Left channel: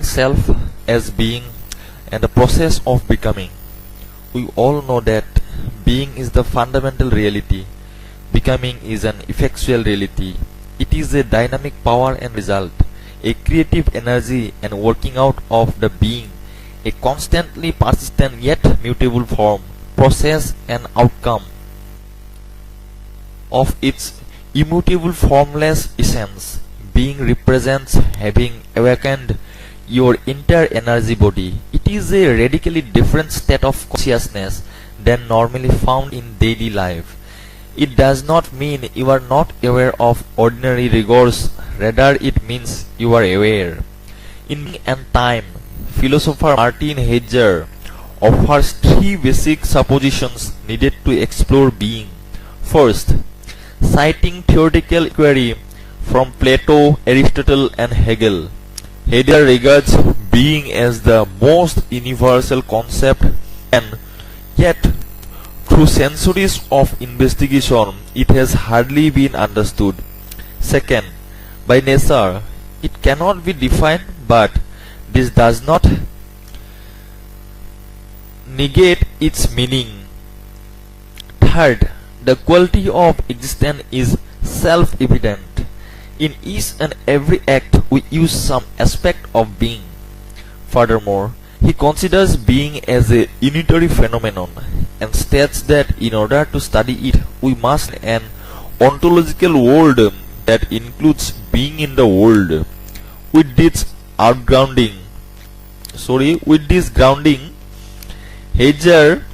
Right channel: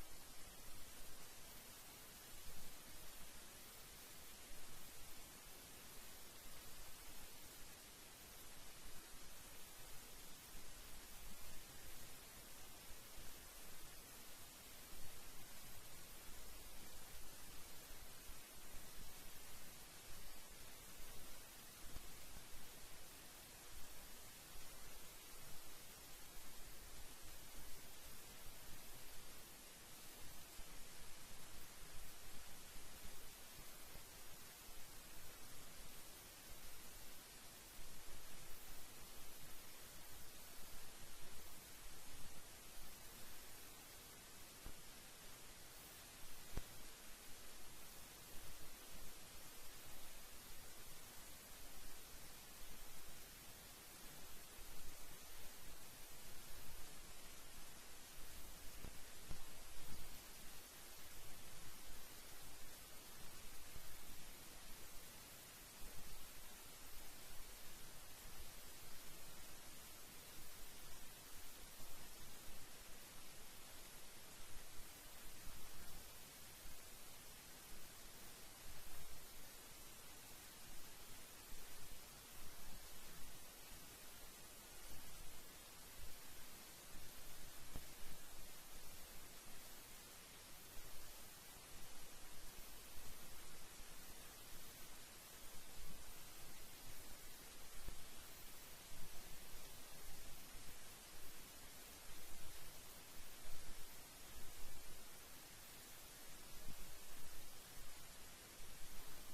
self as being and the process of becoming. We all know that being is the fundamental reality, becoming is an effectual reality. It is a dynamic power and result, a creative energy and working out of the being, a constantly persistent yet mutable form, process and outcome of its immutable formless essence. Being represents having awakened your entire energy body. It is a radically different state of consciousness than normally found in daily life. It does not mean you are not aware of ordinary rigors, rather it means you are aware. In Being and Time, philosopher Martin Heidegger offers three basic suppositions needed to explore being. First, citing theoretical inquiry from Plato, Aristotle and Hegel, Heidegger regards being as the most universal concept, and yet through centuries of investigation it has hardly been understood. Second, by nature it cannot be defined, but this does not negate its meaning. Third, the quality of existence is self-evident. In each and every act we use some aspect of being. Furthermore, he considers being as a unitary phenomenon and states that in order to study it we must an ontological world that includes being in the world. With this grounding, Heidegger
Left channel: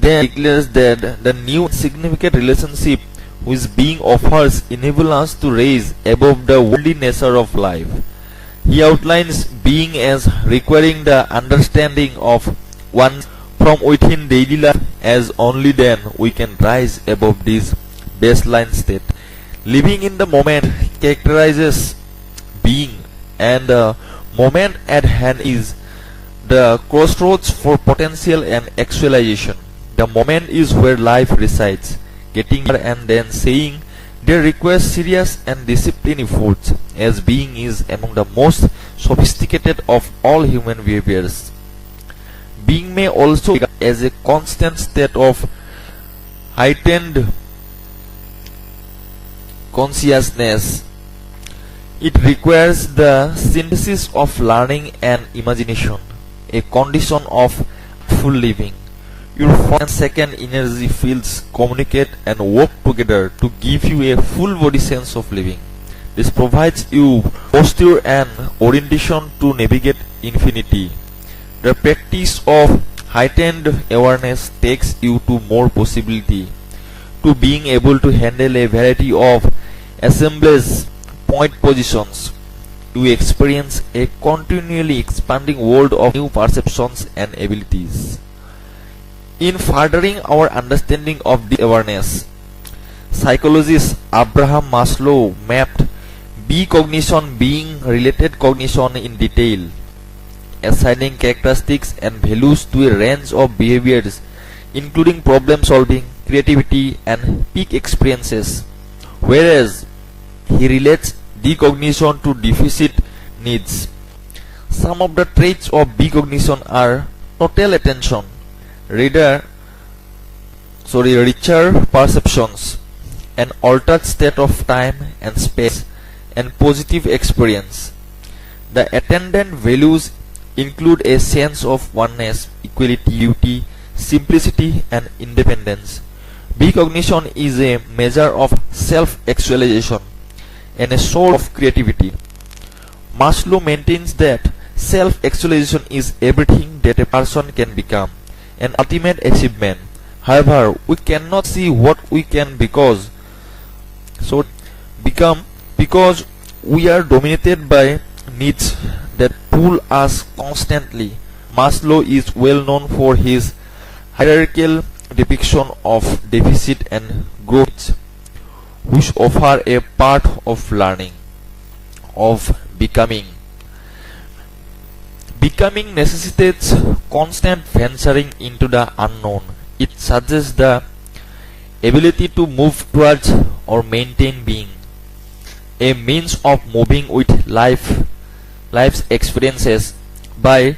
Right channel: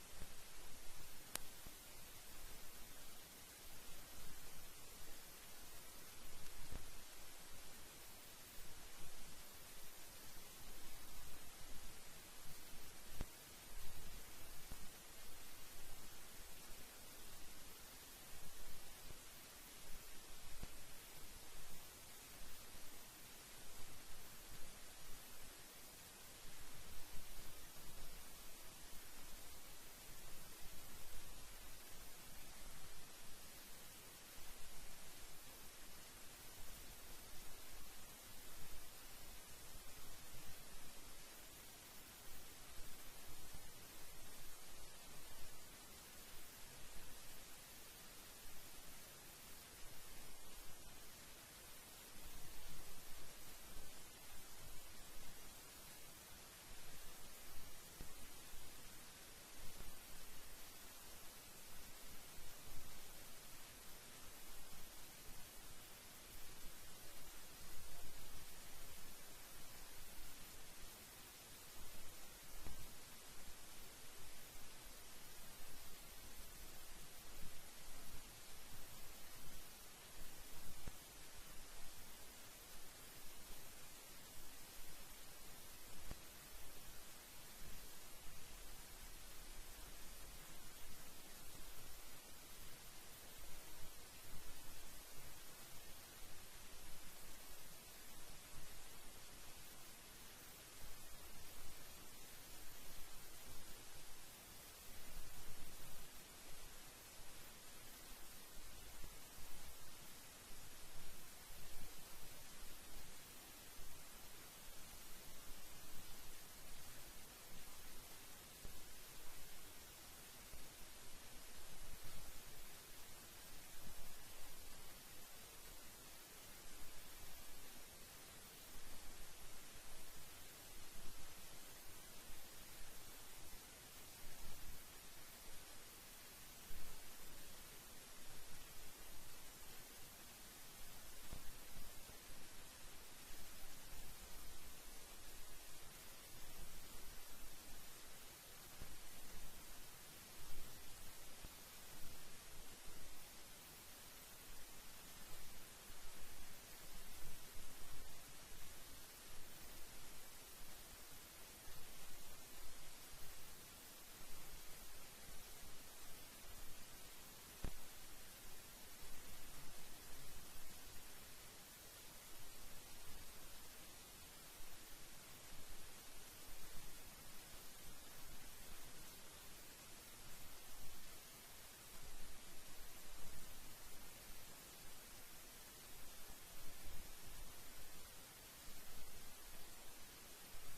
then declares that the new significant relationship which being offers enable us to rise above the worldly nature of life. He outlines being as requiring the understanding of one from within daily life, as only then we can rise above this baseline state. Living in the moment characterizes being, and the moment at hand is the crossroads for potential and actualization. The moment is where life resides. Getting there and then saying there requires serious and disciplined efforts, as being is among the most sophisticated of all human behaviors. Being may also be as a constant state of heightened consciousness. It requires the synthesis of learning and imagination, a condition of full living. Your first and second energy fields communicate and work together to give you a full body sense of living. This provides you posture and orientation to navigate infinity. The practice of heightened awareness takes you to more possibility, to being able to handle a variety of assemblage point positions. You experience a continually expanding world of new perceptions and abilities. In furthering our understanding of this awareness, psychologist Abraham Maslow mapped B-cognition being related cognition in detail, assigning characteristics and values to a range of behaviors including problem solving, creativity and peak experiences, whereas he relates decognition to deficit needs. Some of the traits of B-cognition are total attention, richer perceptions, an altered state of time and space, and positive experience. The attendant values include a sense of oneness, equality, beauty, simplicity, and independence. B-cognition is a measure of self-actualization and a source of creativity. Maslow maintains that self-actualization is everything that a person can become, an ultimate achievement. However, we cannot see what we can become because we are dominated by needs that pull us constantly. Maslow is well known for his hierarchical depiction of deficit and growth, which offer a part of learning, of becoming. Becoming necessitates constant venturing into the unknown. It suggests the ability to move towards or maintain being, a means of moving with life life's experiences by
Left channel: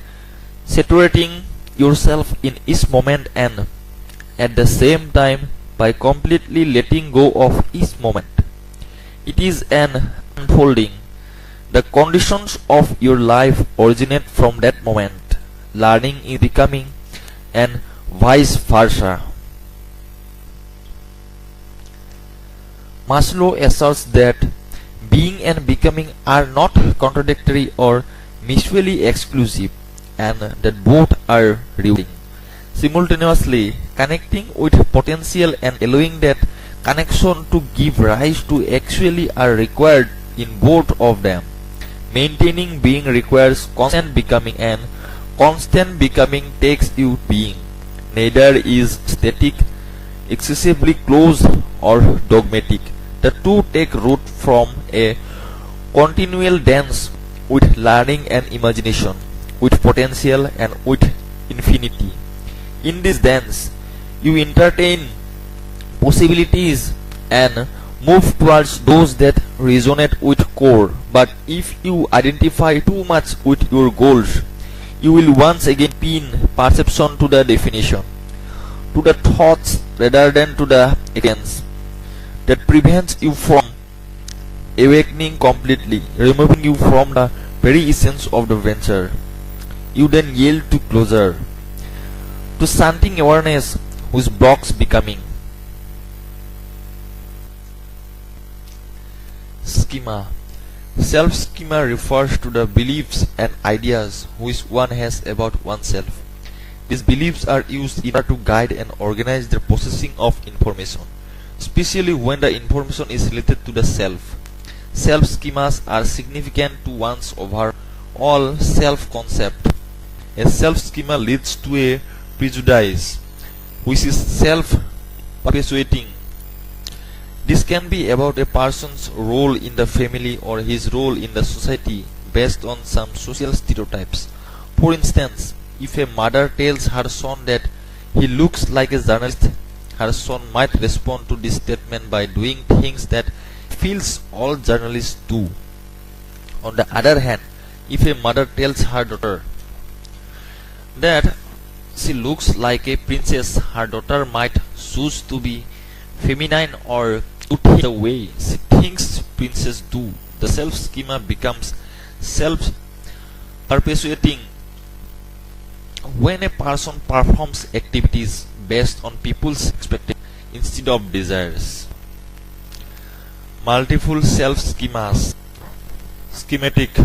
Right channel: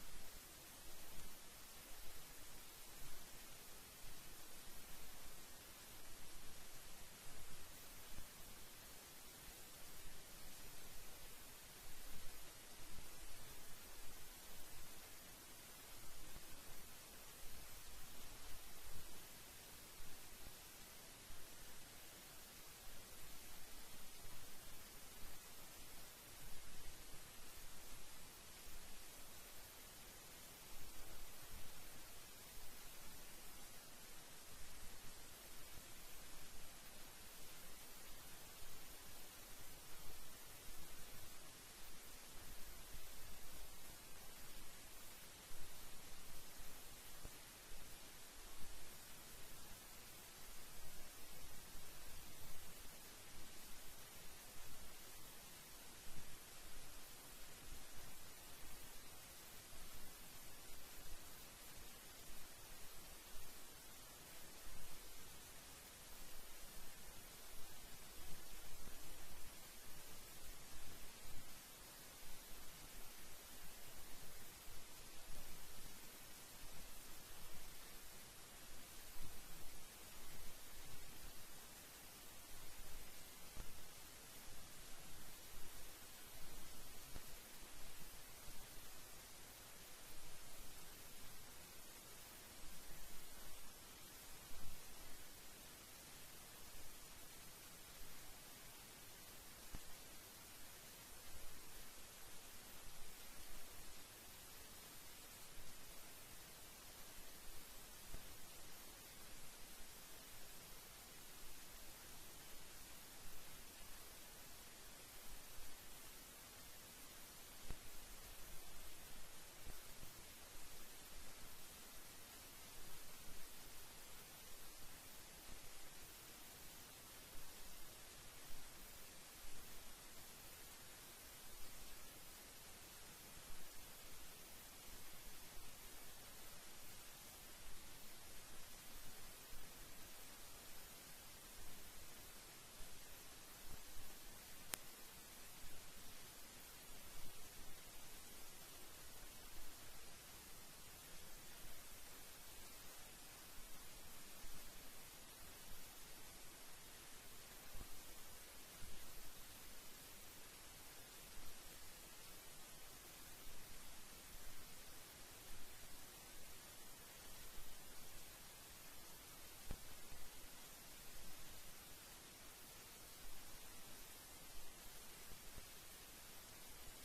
saturating yourself in each moment and at the same time by completely letting go of each moment. It is an unfolding. The conditions of your life originate from that moment. Learning is becoming and vice versa. Maslow asserts that being and becoming are not contradictory or mutually exclusive, and that both are rewarding. Simultaneously, connecting with potential and allowing that connection to give rise to actually are required in both of them. Maintaining being requires constant becoming, and constant becoming takes you being. Neither is static, excessively close, or dogmatic. The two take root from a continual dance with learning and imagination, with potential and with infinity. In this dance, you entertain possibilities and move towards those that resonate with core. But if you identify too much with your goals, you will once again pin perception to the definition, to the thoughts rather than to the experience. That prevents you from awakening completely, removing you from the very essence of the venture. You then yield to closure, to something awareness whose blocks becoming. Schema. Self-schema refers to the beliefs and ideas which one has about oneself. These beliefs are used in order to guide and organize the processing of information, especially when the information is related to the self. Self-schemas are significant to one's overall self-concept. A self-schema leads to a prejudice, which is self-perpetuating. This can be about a person's role in the family or his role in the society based on some social stereotypes. For instance, if a mother tells her son that he looks like a journalist, her son might respond to this statement by doing things that he feels all journalists do. On the other hand, if a mother tells her daughter that she looks like a princess, her daughter might choose to be feminine or to think the way she thinks princesses do. The self-schema becomes self-perpetuating when a person performs activities based on people's expectations instead of desires. Multiple self-schemas. Schematic.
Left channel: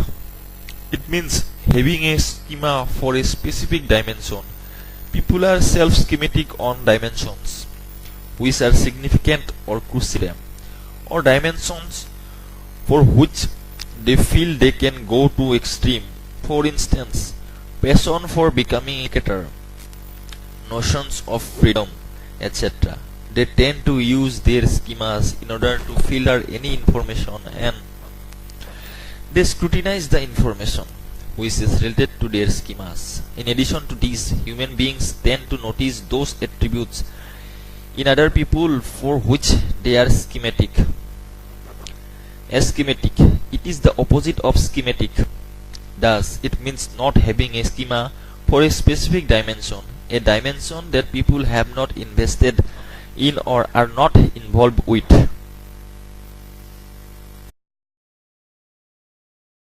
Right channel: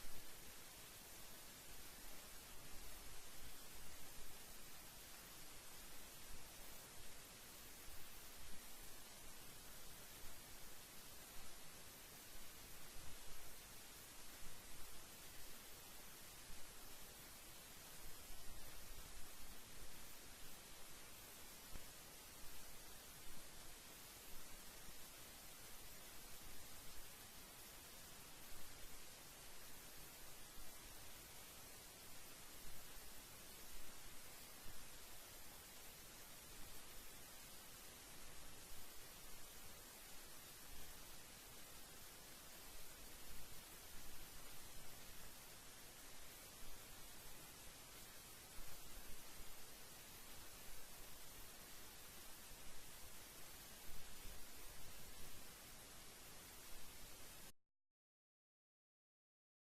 It means having a schema for a specific dimension. People are self-schematic on dimensions which are significant or crucial, or dimensions for which they feel they can go to extreme. For instance, passion for becoming a cricketer, notions of freedom, etc. They tend to use their schemas in order to filter any information, and they scrutinize the information which is related to their schemas. In addition to this, human beings tend to notice those attributes in other people for which they are schematic. Aschematic. It is the opposite of schematic. Thus, it means not having a schema for a specific dimension, a dimension that people have not invested in or are not involved with.